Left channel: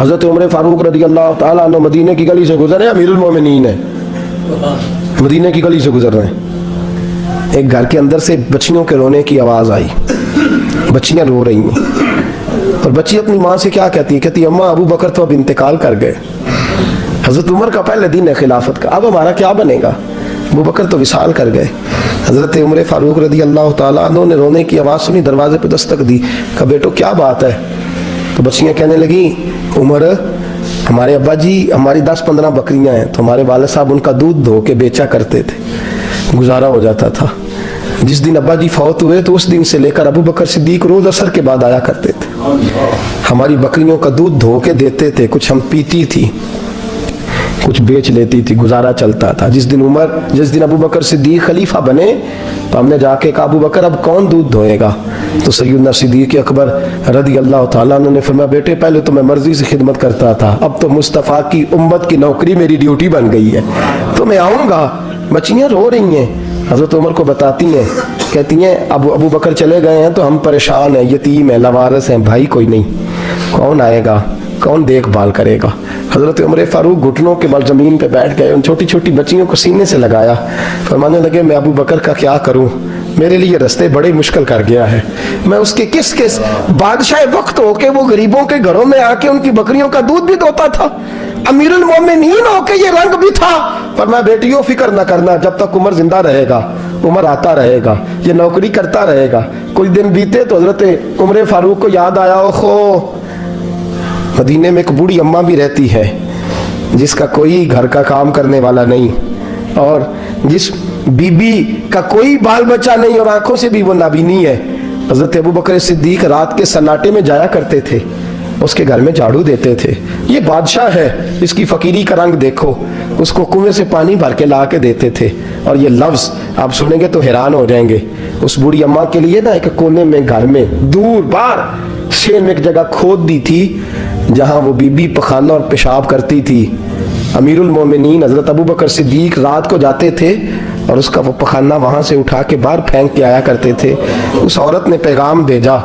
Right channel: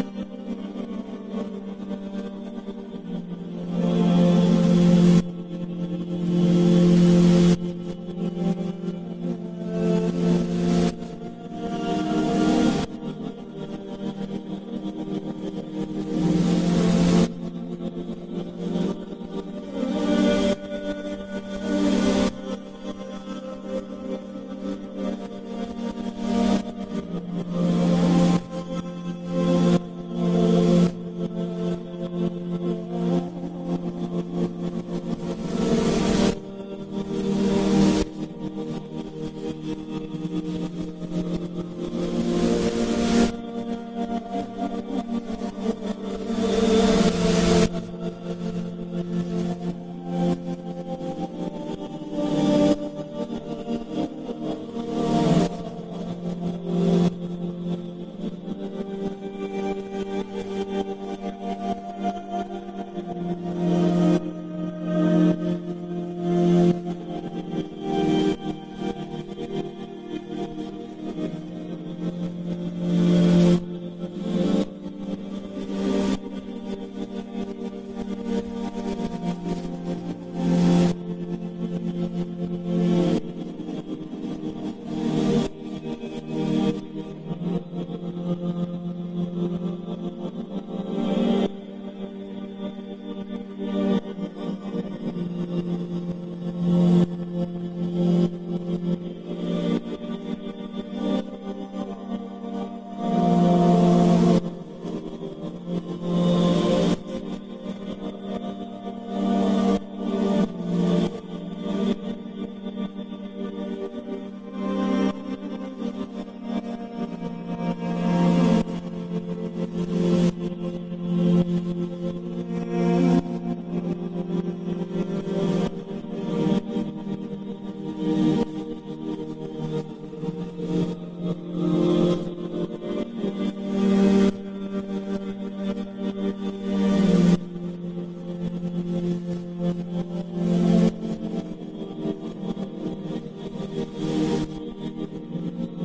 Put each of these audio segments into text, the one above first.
حضرت عمر فاروق رضی اللہ تعالیٰ عنہ مدینے کی گلی سے گزرے، امیر المومنین ہے، مدینے کی گلی سے گزر رہے ہیں، ایک گھر کے اندر سے بچیوں کے رونے کی آواز آئی، بچیاں رو رہی ہیں، اور بچی اپنی ماں سے کیا کہتی ہے؟ کہتی ہے اماں ابو بکر تو اب انتقال کر گئے، حضرت عمر کا پہلے دن ہے خلافت کا، اب ہمارا کیا بنے گا؟ ابو بکر تو وصال کر گئے۔ حضرت عمر فاروق رضی اللہ تعالیٰ عنہ نے رونے کی آواز سنی، دروازے پہ دستک دی، کہا بیٹو کیا بات ہے؟ تو بچیاں کہنے لگی عمر ہمارے ابا جی ہماری 10-15 بکریاں ہیں، تو ہمارے والد صاحب ان کا دودھ دھو کے بیچا کرتے تھے، گزارا ہو جاتا تھا۔ جس دن ابا جی فوت ہوئے تو اس دن سے لے کر ابو بکر صدیق روز عصر کے بعد آیا کرتے تھے، ہماری بکریوں کا دودھ دھو کے دیتے تھے، کچھ ہم پیتی تھی، کچھ بیچ لیتی تھی، گزارا چلتا تھا۔ جس دن ابو بکر صدیق خلیفہ بنے تو ہم نے جا کے کہا ابو بکر اب کون دودھ دھوئے گا؟ تو سیدنا صدیق اکبر رضی اللہ تعالیٰ عنہ نے فرمایا بیٹے پہلے تو میں مرضی سے خدمت کرتا تھا، اب تو مصطفیٰ کی امت کی نوکری میری ڈیوٹی بن گئی ہے، تو میں آؤں گا۔ بچیاں رو رہی ہیں، حضرت عمر کو بتاتی ہیں، کہتی ہیں ابو بکر چلے گئے ہیں تو ہم پریشان ہیں، یتیم ہیں، لاوارث ہیں، بھائی کوئی نہیں، کون آئے گا، کون دیکھ بھال کرے گا؟ حضرت عمر فاروق گھٹنوں کے بل زمین پہ بیٹھ گئے، ان چھوٹی چھوٹی بچیوں کو سینے سے لگایا، فرمانے لگے میں ابو بکر کا کیا کروں، میرے لیے رستے بڑے مشکل کر گیا ہے، میں اس کے کس بادشاہ وقت ہو کے وہ غریبوں کے گھروں میں آ کے ان کی بکریوں کا دودھ بھی دھوتا تھا، امیر المومنین ہو کے یہ رنگ بھی تھا۔ فرمایا بیٹیوں فکر نہ کرنا، جب تک عمر زندہ رہے گا، عمر آتا رہے گا، یہ نوکری کرتا رہے گا۔ کچھ دن بیتے تو حضرت عمر فاروق کو یاد آیا اوہو مدینے میں ایک بوڑھی اماں بھی رہتی ہے جس کا کوئی گھر کا کام کرنے والا نہیں، اور جس بی بی کا کوئی بال بچہ نہیں، اور آنکھوں سے بھی وہ نابینی ہے۔ حضرت ابو بکر صدیق رات کے سناٹے میں جایا کرتے تھے، اس کے گھر میں جھاڑو دیتے تھے، یہ بادشاہ ہے، اس کی فقیری کا رنگ دیکھو، اس کو کنویں سے پانی بھر کے لا کے دیتے تھے۔ اور یہ لفظ آپ سنیں گے تو حیران ہو جائیں گے، اس بوڑھی اماں کے لیے نا ایک کونے میں گھر میں دور بار شیر میں ایک جگہ کھود دی تھی جہاں وہ بی بی پخانہ اور پیشاب کرتی تھی۔ امیر المومنین حضرت ابو بکر صدیق رات کو جاتے تھے اور اس کا وہ پخانہ وہاں سے اٹھا کے باہر پھینک کے آیا کرتے تھے۔ اس عورت نے پیغام بھیجا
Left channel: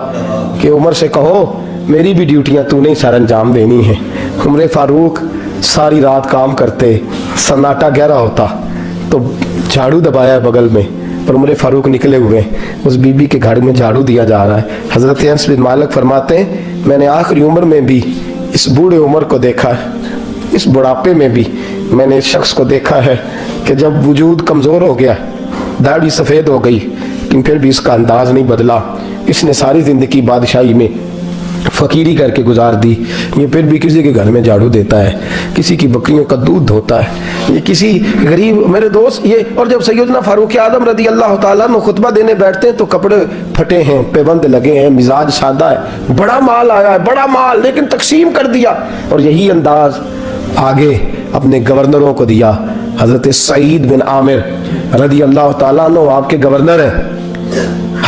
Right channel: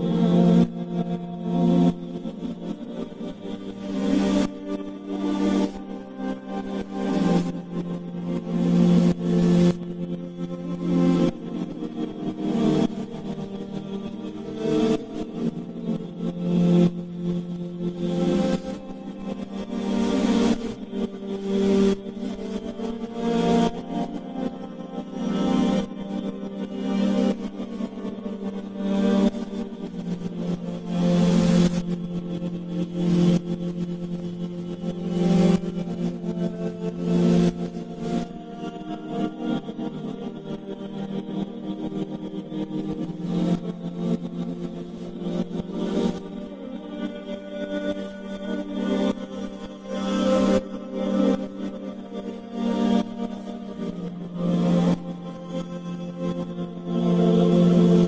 کہ عمر سے کہو میری بھی ڈیوٹیاں تو نہیں سر انجام دینی ہیں۔ عمر فاروق ساری رات کام کرتے، سناٹا گہرا ہوتا تو جھاڑو دبایا بغل میں، اور عمر فاروق نکلے ہوئے اس بی بی کے گھر میں جھاڑو دیا جا رہا ہے۔ حضرت انس بن مالک فرماتے ہیں میں نے آخری عمر میں بھی اس بوڑھے عمر کو دیکھا ہے، اس بڑھاپے میں بھی میں نے اس شخص کو دیکھا ہے کہ جب وجود کمزور ہو گیا، داڑھی سفید ہو گئی، لیکن پھر بھی اس کا انداز نہیں بدلا۔ اس نے ساری زندگی بادشاہی میں فقیری کر کے گزار دی، یہ پھر بھی کسی کے گھر میں جھاڑو دیتا ہے، کسی کی بکریوں کا دودھ دھوتا ہے، یہ کسی غریب میرے دوست یہ۔ اور جب سیدنا فاروق اعظم رضی اللہ تعالیٰ عنہ خطبہ دینے بیٹھتے ہیں تو کپڑے پھٹے ہیں، پیبند لگے ہیں، مزاج سادہ ہے، بڑا مال آیا ہے، بڑا مال، لیکن تقسیم کر دیا، اور یہی انداز آگے اپنے گورنروں کو دیا۔ حضرت سعید بن عامر رضی اللہ تعالیٰ عنہ آپ کے گورنر ہیں،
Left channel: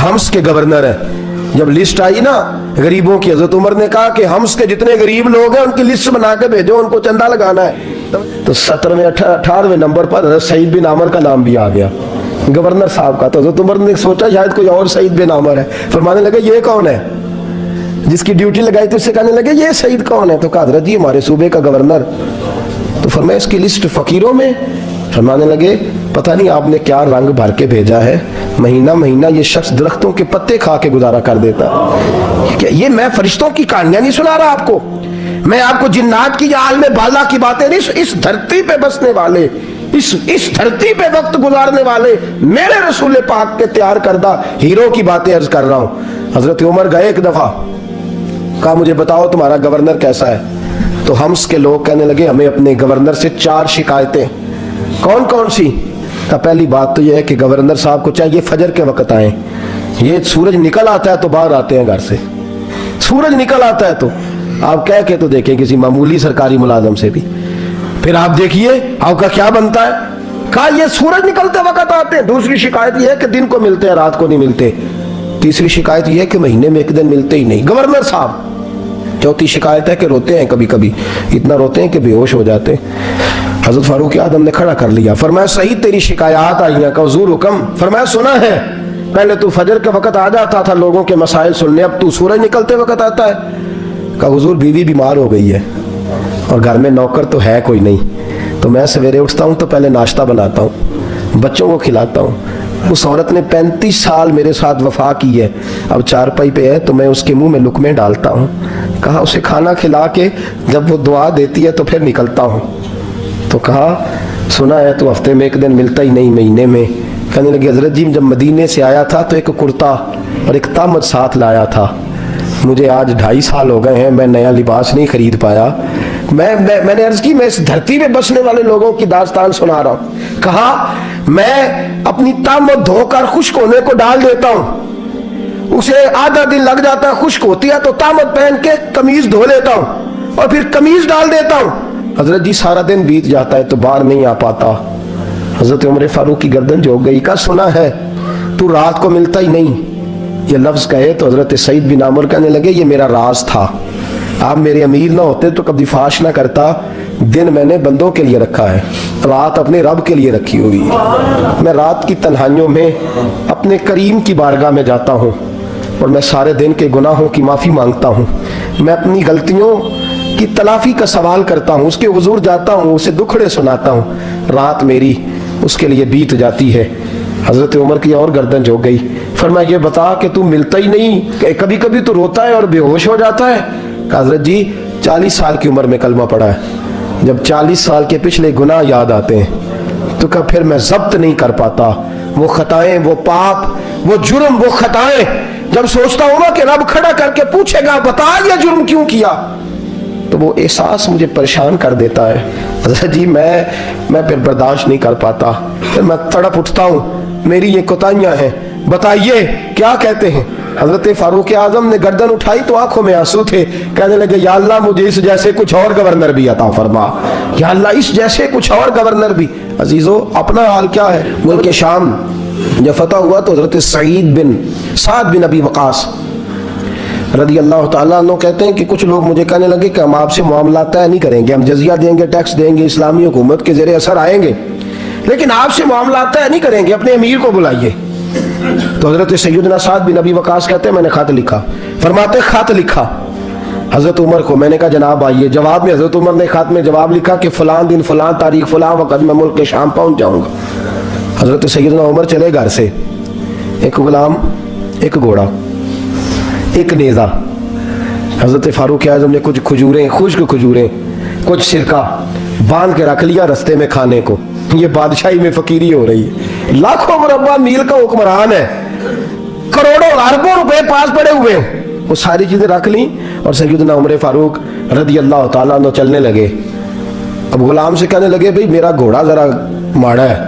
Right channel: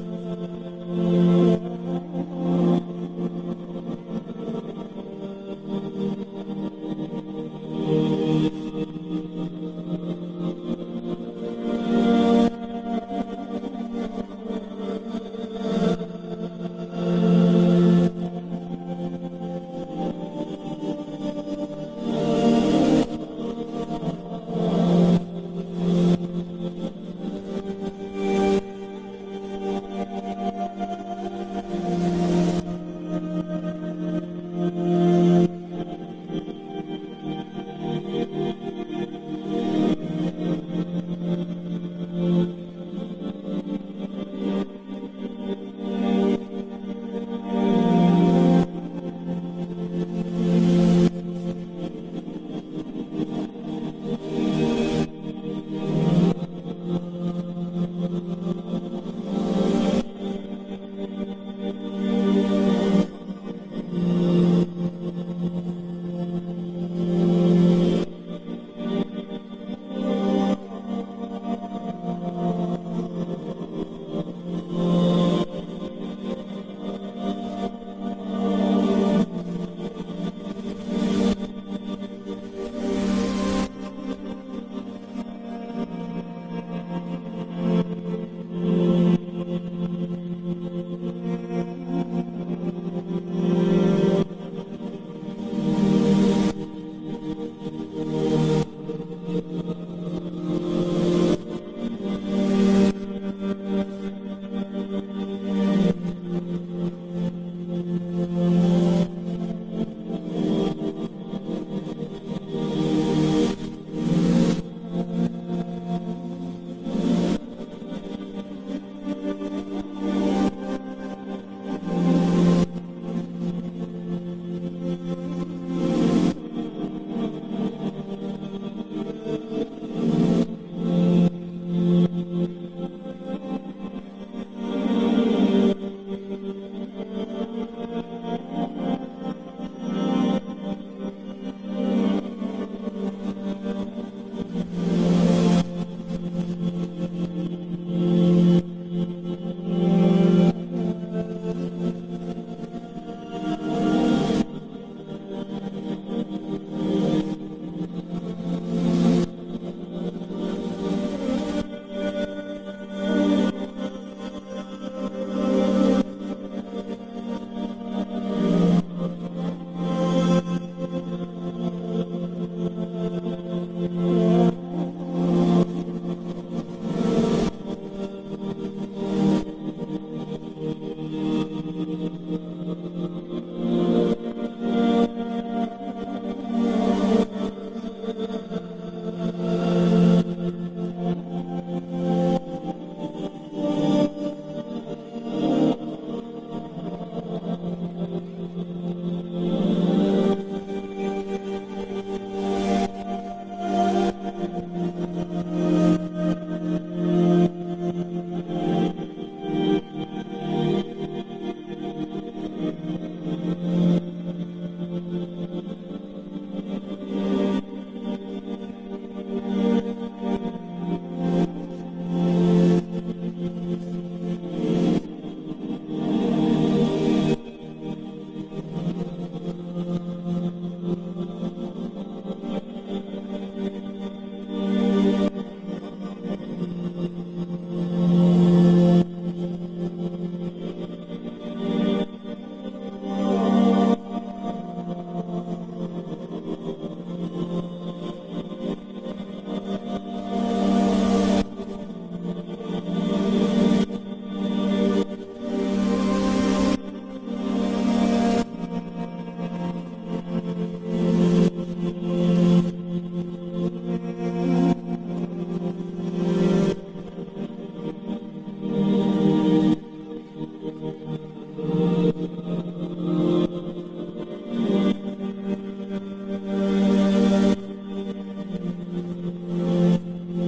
حمص کے گورنر ہیں۔ جب لسٹ آئی نا غریبوں کی، حضرت عمر نے کہا کہ حمص کے جتنے غریب لوگ ہیں ان کی لسٹ بنا کے بھیجو، ان کو چندہ لگانا ہے۔ تو 17ویں 18ویں نمبر پر حضرت سعید بن عامر کا نام بھی آ گیا، گورنر صاحب کا۔ تو حضرت عمر نے سوچا شاید کوئی اور سعید بن عامر ہے، فرمانے لگے یہ کون ہے؟ جس کی ڈیوٹی لگائی تھی اس سے کہنے لگے یہ سعید کون ہے؟ تو کہا حضرت جی ہمارے صوبے کا گورنر۔ تو فرمایا اس کی لسٹ فقیروں میں؟ فرمانے لگے پتہ نہیں آپ نے کیا رنگ بھر کے بھیجا ہے، مہینہ مہینہ یہ شخص درختوں کے پتے کھا کے گزارا کر دیتا ہے۔ یہ میں فرشتوں کی کہانیاں نہیں سنا رہا آپ کو، میں آپ کو جنات کی یا عالم بالا کی باتیں نہیں، اس دھرتی پہ بسنے والے، اس دھرتی پہ وقت گزارنے والے میرے رسول پاک کے تیار کردہ ہیرو کی باتیں عرض کر رہا ہوں۔ حضرت عمر گئے ایک دفعہ، کہا مجھے بتاؤ تمہارا گورنر کیسا ہے؟ تو حمص کے لوگ کہنے لگے ہمیں اپنے گورنر سے 4 شکایتیں۔ کون کون سی؟ تو پہلی بات تو یہ ہے کہ گورنر صاحب کو چاہیے فجر کے وقت آئیں، یہ سورج نکل آتا ہے تو باہر آتے ہیں گھر سے، سورج نکل آتا ہے تو آپ کہہ کے تو دیکھیں کسی معمولی سرکاری ملازم سے بھی، پھر آپ دیکھیے آپ کا کیا بنتا ہے۔ کہا یہ سورج نکلتے وقت آتے ہیں۔ دوسری شکایت یہ ہے کہ دن کو ملتے ہیں رات کو نہیں ملتے۔ تیسری شکایت یہ ہے کہ مہینے میں ایک دن ملتے ہی نہیں گورنر صاحب۔ چوتھی شکایت ہے کہ روتے ہیں، کبھی کبھی اتنا روتے ہیں کہ بے ہوش ہو جاتے ہیں۔ حضرت فاروق اعظم نے کھڑا کر لیا، فرمایا صحیح تیری شکایات آئی ہیں، کہ حضور حکم۔ فرمایا سنا ہے، پہلے تو فجر کے وقت آ جاتا تھا لوگوں کے مسائل سننے، اب تو سورج نکلتے وقت آتا ہے۔ کہ حضور بیوی بیمار ہو گئی ہے، اور گھر میں نوکر تو ہے کوئی نہیں، تو میں سویرے اٹھتا ہوں تو پہلے ناشتہ بناتا ہوں، بچوں کو کھلاتا ہوں۔ اس عورت نے 35 سال میرے ساتھ وفا کی ہے، اب چارپائی پہ ہے تو میں اس کے منہ میں لقمے ڈالتا ہوں۔ کہا اسے کھانا کھلا کے جب وہ دعا دیتی ہے تو پھر نکلتا ہوں۔ تو کہا سنا ہے تو ہفتے میں ایک دن ملتا ہی نہیں، مہینے میں۔ کہنے لگے حضرت جی جب مدینے سے آیا تھا تو ایک کرتا اور ایک تامت ساتھ لایا تھا، مجھے آج 2.5 سال ہو گئے ہیں، میں نیا لباس نہیں خرید پایا۔ میں نے عرض کی میں اس دھرتی میں بسنے والے لوگوں کی داستان سنا رہا ہوں۔ کہا میں اپنی تامت دھو کر خشک ہونے کو ڈال دیتا ہوں، اسے آدھا دن لگ جاتا ہے، خشک ہوتی ہے تو تامت پہن کے قمیض دھو لیتا ہوں اور پھر قمیض ڈال دیتا ہوں۔ حضرت جی سارا دن بیت جاتا ہے تو باہر نہیں آ پاتا۔ حضرت عمر فاروق کی گردن جھک گئی، کہا سنا ہے تو رات کو ملتا ہی نہیں۔ یہ لفظ کہے تو حضرت سعید بن عامر کہنے لگے یہ میرا راز تھا، آپ میرے امیر نہ ہوتے تو کبھی فاش نہ کرتا، دن میں نے بندوں کے لیے رکھا ہے، رات اپنے رب کے لیے رکھی ہوئی ہے۔ میں رات کی تنہائیوں میں اپنے کریم کی بارگاہ میں جاتا ہوں اور میں سارے دن کے گناہوں کی معافی مانگتا ہوں، میں اپنی غلطیوں کی تلافی کا سوال کرتا ہوں، اس کے حضور جاتا ہوں، اسے دکھڑے سناتا ہوں، رات میری اس کے لیے بیت جاتی ہے۔ حضرت عمر کی اور گردن جھک گئی، فرمایا یہ بتا کہ تو ملتا ہی نہیں، کبھی کبھی تو روتا ہے اور بے ہوش ہو جاتا ہے۔ کہ حضرت جی 40 سال کی عمر میں کلمہ پڑھا ہے، جب 40 سال کے پچھلے گناہ یاد آتے ہیں تو کہ پھر میں ضبط نہیں کر پاتا، وہ خطائیں، وہ پاپ، وہ جرم، وہ خطائیں جب سوچتا ہوں نا کہ رب کھڑا کر کے پوچھے گا بتا یہ جرم کیوں کیا، تو وہ احساس مجھے پریشان کر دیتا ہے۔ حضرت جی میں پھر برداشت نہیں کر پاتا، پھر میں تڑپ اٹھتا ہوں، میری یہ کوتاہیاں ہیں، بتائیے کیا کہتے ہیں۔ حضرت فاروق اعظم نے گردن اٹھائی تو آنکھوں میں آنسو تھے، کہنے لگے یا اللہ مجھے اس جیسے کچھ اور گورنر بھی عطا فرما، یا اللہ اس جیسے کچھ اور گورنر بھی۔ عزیزو اپنا حال کیا ہے؟ ملک شام جب فتح ہوا تو حضرت سعد بن ابی وقاص رضی اللہ تعالیٰ عنہ کہتے ہیں کہ کچھ لوگ مجھے کہنے لگے کہ ہم آپ سے معاملات طے نہیں کریں گے، ہم جزیہ دیں گے، ٹیکس دیں گے، اسلامی حکومت کے زیر اثر آئیں گے، لیکن آپ سے معاملات طے نہیں کریں گے، اپنے امیر کو بلائیے۔ تو حضرت سیدنا سعد بن ابی وقاص کہتے ہیں میں نے خط لکھا، فرماتے خط لکھا حضرت عمر کو، میں نے کہا جناب آئیے۔ جواب میں حضرت عمر نے خط میں جواب لکھا کہ فلان دن فلان تاریخ فلان وقت میں ملک شام پہنچ جاؤں گا۔ حضرت سیدنا عمر چلے گھر سے، ایک غلام، ایک گھوڑا، ایک نیزہ۔ حضرت فاروق اعظم نے کچھ کھجوریں، خشک کھجوریں، کچھ سرکہ باندھ کے رکھ لیا رستے میں کھانے کو۔ یہ بادشاہی میں فقیری ہو رہی ہے، لاکھوں مربع میل کا حکمران ہے، کروڑوں اربوں روپے پاس پڑے ہوئے، وہ ساری چیزیں رکھ لیں اور سیدنا عمر فاروق رضی اللہ تعالیٰ عنہ چلنے لگے۔ اب غلام سے کہنے لگے بھئی میرا گھوڑا ذرا ماڑا ہے،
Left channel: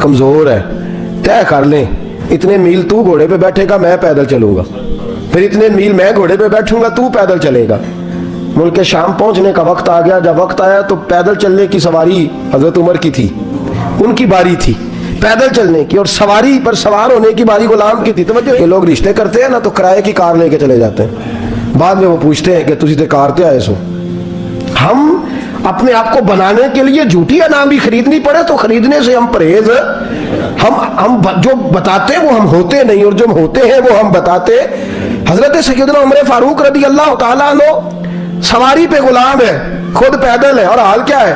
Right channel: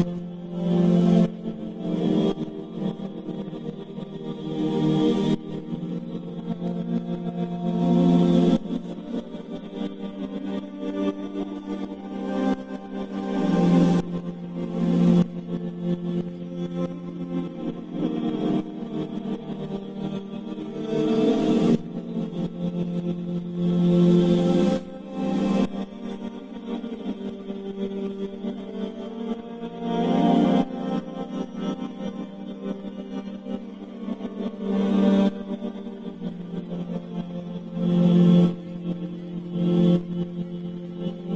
کمزور ہے، طے کر لیں اتنے میل تو گھوڑے پہ بیٹھے گا، میں پیدل چلوں گا، پھر اتنے میل میں گھوڑے پہ بیٹھوں گا، تو پیدل چلے گا۔ ملک شام پہنچنے کا وقت آ گیا، جب وقت آیا تو پیدل چلنے کی سواری حضرت عمر کی تھی، ان کی باری تھی پیدل چلنے کی، اور سواری پر سوار ہونے کی باری غلام کی تھی۔ توجہ، یہ لوگ رشتے کرتے ہیں نا تو کرائے کی کار لے کے چلے جاتے ہیں، بعد میں وہ پوچھتے ہیں کہ تجھے تے کار تے آئے سو۔ ہم اپنے آپ کو بنانے کے لیے جھوٹی انعام بھی خریدنی پڑے تو خریدنے سے ہم پرہیز، ہم جو بتاتے وہ ہم ہوتے نہیں، اور جو ہم ہوتے ہیں وہ ہم بتاتے۔ حضرت سیدنا عمر فاروق رضی اللہ تعالیٰ عنہ سواری پہ غلام ہے، خود پیدل ہے، اور حال کیا ہے؟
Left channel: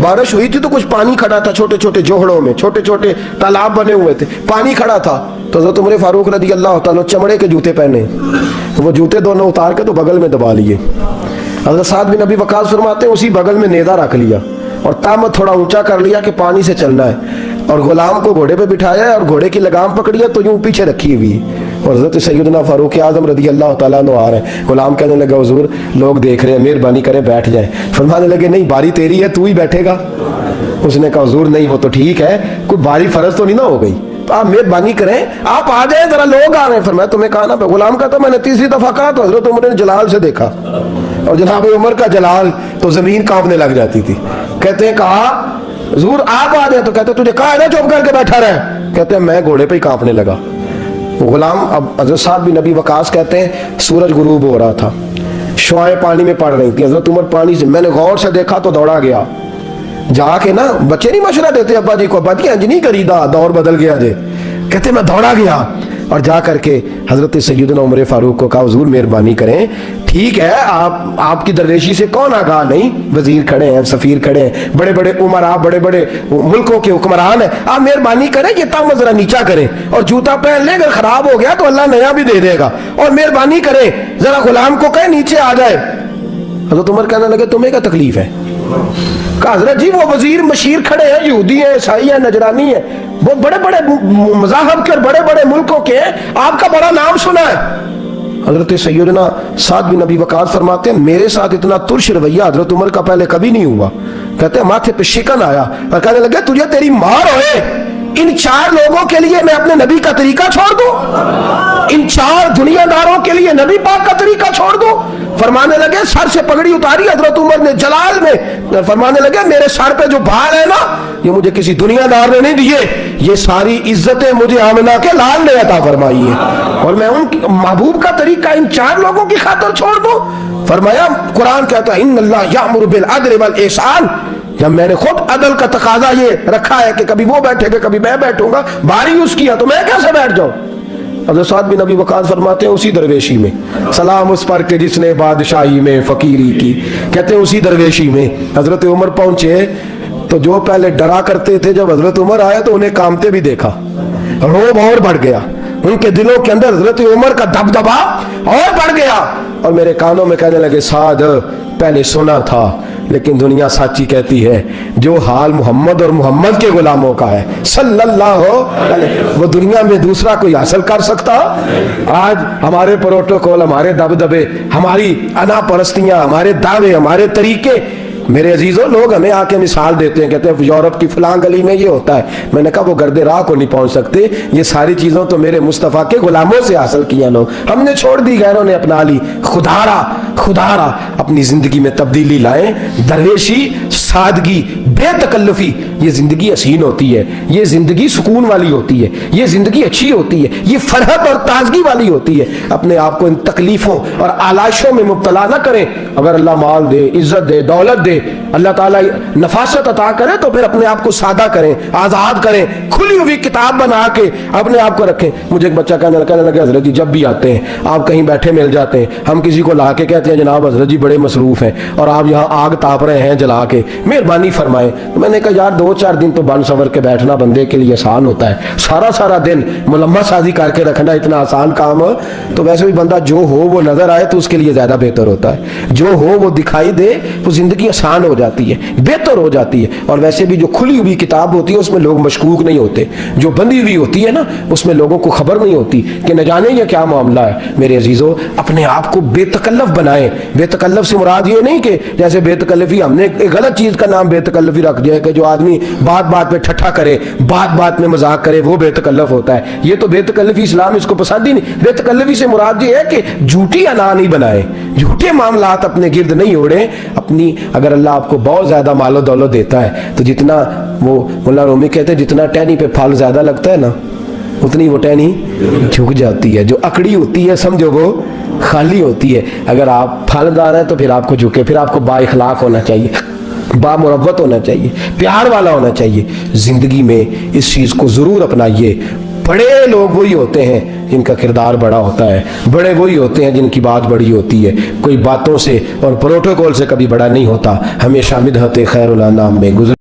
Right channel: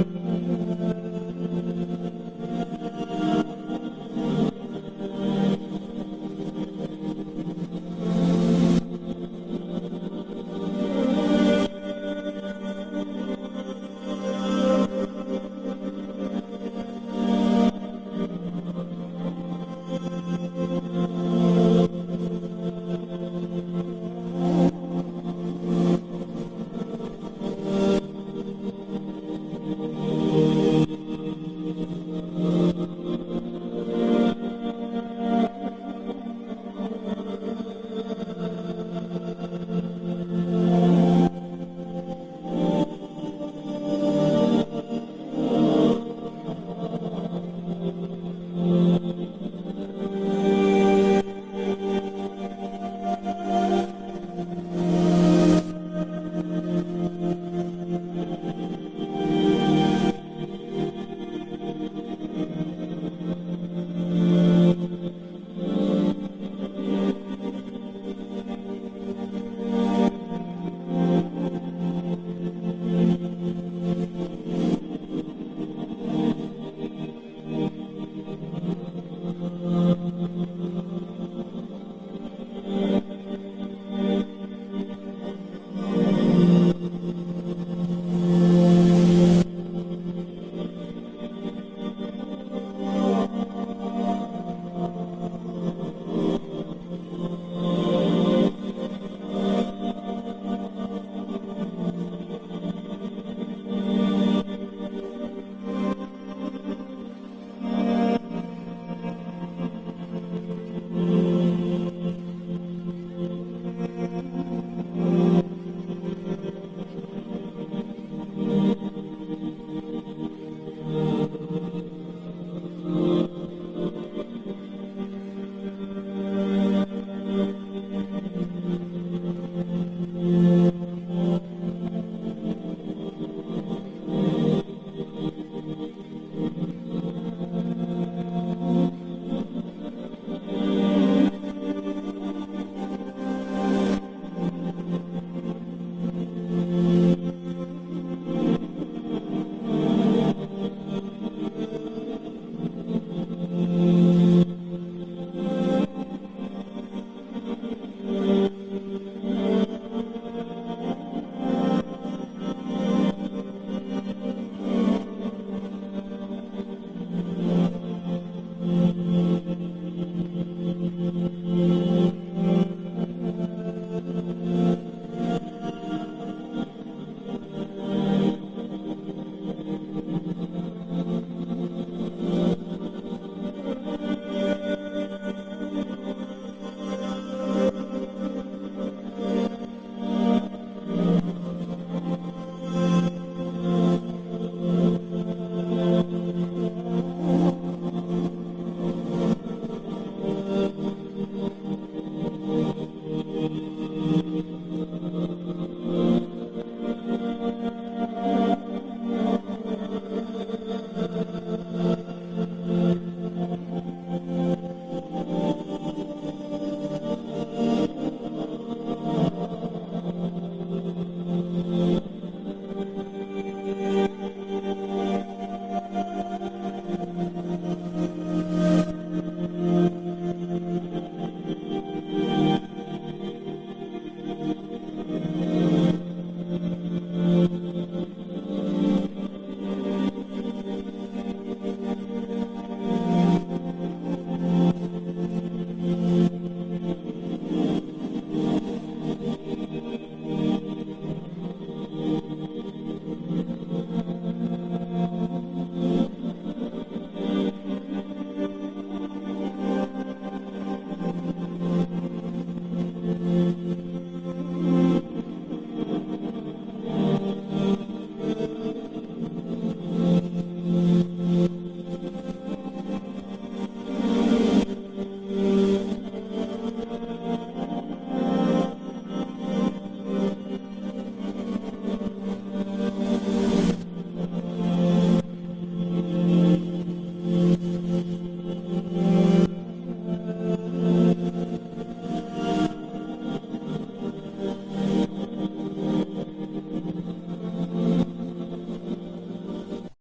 بارش ہوئی تھی تو کچھ پانی کھڑا تھا، چھوٹے چھوٹے جوہڑوں میں چھوٹے چھوٹے تالاب بنے ہوئے تھے، پانی کھڑا تھا۔ تو حضرت عمر فاروق رضی اللہ تعالیٰ چمڑے کے جوتے پہنے، وہ جوتے دونوں اتار کے تو بغل میں دبا لیے۔ حضرت سعد بن ابی وقاص فرماتے ہیں اسی بغل میں نیزہ رکھ لیا اور تامت تھوڑا اونچا کر لیا کہ پانی سے چلنا ہے، اور غلام کو گھوڑے پہ بٹھایا ہے اور گھوڑے کی لگام پکڑی ہے تو یوں پیچھے رکھی ہوئی، اور حضرت سیدنا فاروق اعظم رضی اللہ تعالیٰ عنہ آ رہے ہیں۔ غلام کہنے لگا حضور لوگ دیکھ رہے ہیں، مہربانی کریں بیٹھ جائیں۔ فرمانے لگے نہیں باری تیری ہے، تو ہی بیٹھے گا۔ اس نے کہا حضور نہیں وہ تو ٹھیک ہے، کوئی باری فرض تو نہیں نہ ہو گئی، تو آپ مہربانی کریں آپ آ جائیں، ذرا لوگ آ رہے ہیں۔ فرمایا تمہیں کہا نا، غلام کا تو میں نے تیسری دفعہ کہا تو حضرت عمر نے جلال سے دیکھا، اور جناب عمر کا جلال تو زمین کانپنے لگ جاتی تھی۔ کہتے ہیں کہا حضور آپ آ جائیں، تو کہتے تجھے کہا ہے نا چپ کر کے بیٹھا رہے، کہتے ہیں میں گھوڑے پہ ہی کانپنے لگا۔ غلام اب حضرت سعد بن ابی وقاص کہتے ہیں سورج غروب ہو رہا تھا، شعائیں پانی میں پڑ رہی تھی، حضرت عمر پانی سے میں نے غور سے دیکھا تو دوڑا گیا، جا کے نا بچے نہیں مشورہ دیتے ابا جی کو، ابا جی انج نہیں کری دا، دور بدل گیا جے، کہتے میں دوڑا گیا، اور جا کر کے حضرت سیدنا عمر فاروق کو کہا حضور مہربانی کریں، ٹھیک ہے آپ کی درویشی سے کون آگاہ نہیں، وزیر کھڑے ہیں، سفیر کھڑے ہیں، بڑے بڑے عمرا، بڑے بڑے ملکوں کے حکمران ہیں، آپ مہربانی کریں یہ تام ذرا نیچا کریں اور جوتا پہن لیں، اگر خراب ہو گیا تو اللہ نیا بھی دے دے گا، اور مہربانی کریں ذرا غلام کو کہیں نیچے آ جائے۔ حضرت عمر کہنے لگے تمہیں کیا تکلیف ہے؟ کہا حضرت جی وہ وزیر مشیر کھڑے ہیں، یہودی ہیں، عیسائی ہیں، نجرانی ہیں، وہ بڑے بڑے مذاہب کے اور بڑے بڑے ملکوں کے ہیں، آپ کا بڑا نام سنا ہے۔ حضرت سیدنا سعد بن ابی وقاص فرماتے ہیں میرے ساتھ اتنا ترش رویہ حضرت عمر کا پہلے کبھی نہیں ہوا، کہتے ہیں ماتھے پہ شکن آیا اور کہنے لگے تجھے تیری مار ہوئے، ان 4 لوگوں کے لیے میں اپنے نبی کا طریقہ چھوڑ دوں، ان 4 دنیا داروں کے لیے نبی پاک کا طریقہ چھوڑ دوں؟ فرمانے لگے سر سے پگڑی اتاری حضرت عمر نے جلال میں، فرمانے لگے میرے سر پہ جو بال ہے نا یہ مجھے کسی دنیا دار نے نہیں دیے، یہ ساری عزتیں مجھے آمنہ کے لال نے عطا فرمائی ہے، اور میں ان محبوب کا طریقہ ان 4 لوگوں کی خاطر چھوڑ دوں؟ فرمایا قرآن کہتا ہے ان اللہ یأمر بالعدل والاحسان، جب میں نے خود عدل کا تقاضا یہ رکھا ہے کہ کبھی وہ بیٹھے گا کبھی میں بیٹھوں گا، باری یوز کیا تو میں کیسے بیٹھ جاؤں؟ حضرت سعد بن ابی وقاص فرماتے ہیں اسی درویشی میں، سلام اس پر کہ جس نے بادشاہی میں فقیری کی، کہتے ہیں اسی درویشی میں حضرت عمر پہنچے تو جو پہلے ڈرا کرتے تھے جب حضرت عمر آئے تو انہیں کامتے بھی دیکھا، روب اور بڑھ گیا، ان کے دلوں کے اندر حضرت عمر کا دبدبا اور بڑھ گیا، اور میرے کانوں میں کہنے لگے سعد پہلے سنا تھا لیکن دنیا سچی کہتی ہے جو حال محمد اور محمد کے غلاموں کا ہے صلی اللہ علیہ، وہ دنیا میں دوسرا کوئی حاصل کر سکتا؟ آج ہمارے پروٹوکول، ہمارے دبدبے، ہماری انا پرستیاں، ہمارے دعوے، ہمارے طریقے، میرے عزیزوں لوگ ہمیں آ کے مثال دیتے ہیں، کہتے ہیں یورپ کی فلاں گلی میں یہ ہوتا ہے، میں نے کہا وہ گرد راہ کو نہیں پہنچ سکتے، یہ ساری چیزوں تو میرے مصطفیٰ کے غلاموں سے حاصل کیا لوگ، ہم نے چھوڑ دی، غیروں نے اپنا لی، خدا را اپنی زندگی میں تبدیلی لائیں، درویشی، سادگی، بے تکلفی، یہ زندگی حسین ہوتی ہے، یہ زندگی سکون والی ہوتی ہے، یہ زندگی اچھی ہوتی ہے، یہ فرحت اور تازگی والی ہوتی ہے، اپنے آپ کو ان تکلیفوں اور آلائشوں میں مبتلا نہ کریں، اگر اللہ مال دے، عزت دے، دولت دے، اللہ تعالیٰ نفاست عطا کرے تو پھر اپنے آپ کو سادہ کریں، آزاد کریں، کھلی ہوئی کتاب بنا کے اپنے آپ کو رکھیں۔ مجھے ایک بچہ کہنے لگا حضرت جی جب بھی آتے ہیں آپ کہیں بیٹھے مل جاتے ہیں، ہم کسی کو لا کے کہتے ہیں جناب حضرت جی بڑے مصروف ہیں اور آپ یہاں آگ تاپ رہے ہیں جلا کے، مہربانی فرمائیں۔ میں نے کہا یار 2-4 دن تو بن سور کے بیٹھنا بندے کے لیے آسان ہوتا ہے، سارا دن ملمہ سازی کر کے رکھنا اتنا آسان کام ہے؟ تو ویسے بھی بندہ جو ہو وہ نظر آئے تو اس کے لیے زیادہ بہتر ہوتا ہے، جو ہو وہ دکھائی دے وہ زندگی آسان ہو جاتی ہے، بہتر ہو جاتی ہے، اور ویسے بھی جو کھلی ہوئی کتاب ہوتی ہے اس میں لوگ مشکوک نہیں ہوتے، جو بندی ہوئی ہوتی ہے نا اس میں لوگوں کو خبر نہیں ہوتی کہ نہ جانے یہ کیا معاملہ ہے۔ میرے عزیزوں اپنے آپ کو بے تکلف بنائیں، بے تکلف سے مراد یہ نہیں کہ جیسے بے تکلفی ہم نے ایک غلط چیز کا نام بے تکلفی رکھ دیا ہے کہ جو آدمی بات پہ ٹھٹھا کرے، بات میں مذاق کرے وہ بے تکلف ہوتا ہے، یہ تو بے تکلفی اسلام اس کو پسند ہی نہیں۔ بے تکلفی سے مراد یہ ہے کہ جھوٹی انا نہیں بنائیں، جھوٹے معاملات اپنے گرد نہیں اوڑیں، اپنی اگر اللہ آپ کو بہت زیادہ مال و دولت دیتا ہے تو جتنا وہ مولا رومی کہتے ہیں جتنا ٹہنی پہ پھل زیادہ لگتا ہے نا اتنی وہ ٹہنی جھک جاتی ہے، جو اکڑی ہوتی ہے سمجھو وہ خالی ہوتی ہے۔ اگر آپ پھلدار ہیں تو پھر آپ کو جھکے، پھر آپ کو با اخلاق ہونا چاہیے، با مروت ہونا چاہیے، پیار والا ہونا چاہیے۔ زندگی میں اس چیز کو ضرور اپنائیے۔ بڑے لوگ وہی ہوتے ہیں جن کا کردار بڑا ہوتا ہے، بڑے وہی ہوتے ہیں جن کی بات بڑی ہوتی ہے، کوئی باتوں سے اور پروٹوکول سے کبھی بڑا نہیں ہوتا، ہمیشہ مدحت خیر الانام میں گزر